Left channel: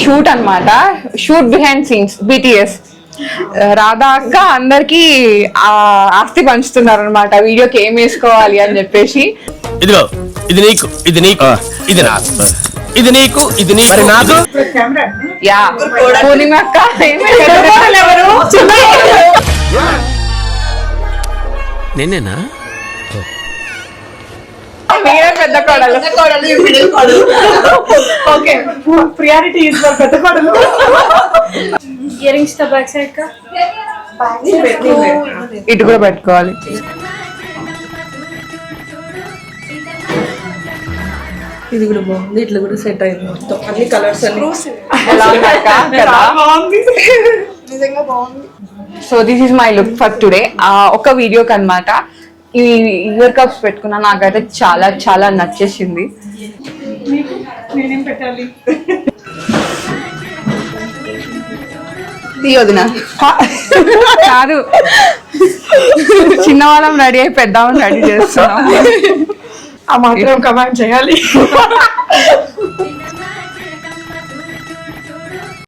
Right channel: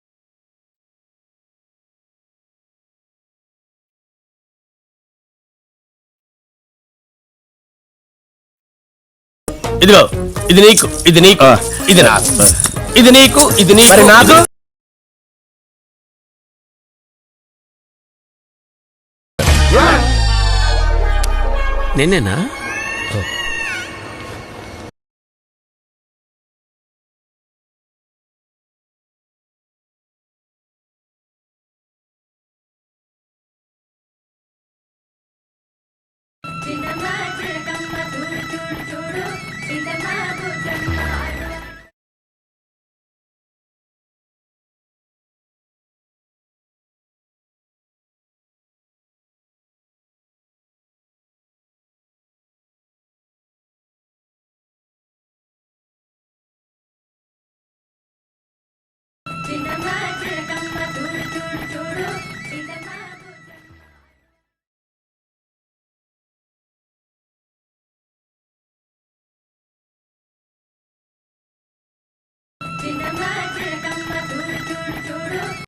Shoot అన్నమాట. Shoot behind scenes BTS. Radha అక్క అందరికి ఆస్తి పంచుతున్నారు అనమాట, వీడియోకి ఏం వేసుకోవాలి అని చెప్పేసి. ఇదిగో ఇది నీకు, ఇది నీకు, ఇది నాకు, ఇది నీకు, ఇది నీకు, నాకు. యా పూర్ణిమ అక్క నేనేనా? మీరే పెద్ద కోడలు. ఓకే, ప్రియారిటీ ఇస్ ఫర్ పెద్ద కోడలు. ఇయర్ రింగ్స్ తో బ్యాక్ సైడ్ కా ఇటు కూడా పెట్టుకోవాలి. ఇది కూడా బాగుంది, ఇట్లా కూడా సెట్ అయింది మొత్తం, అన్ని కలర్స్ అన్ని. ఎలా ఉంది అక్క? కదా? నిజంగా బాగుంది. So this is my look for today. ఒక వీడియోకి అన్నమాట ఈ ఇయర్ కప్స్ పెట్టుకున్నా, నాకైతే చాలా చాలా నచ్చేసింది. నేనేం పెట్టాలి? తీయొదినా కాదు, చిన్నవాళ్ళం రెడీ అయి పెద్దవాళ్ళం రెడీ చేస్తున్నాం. ఆ మాత్రం కమాండ్ చేయాలి.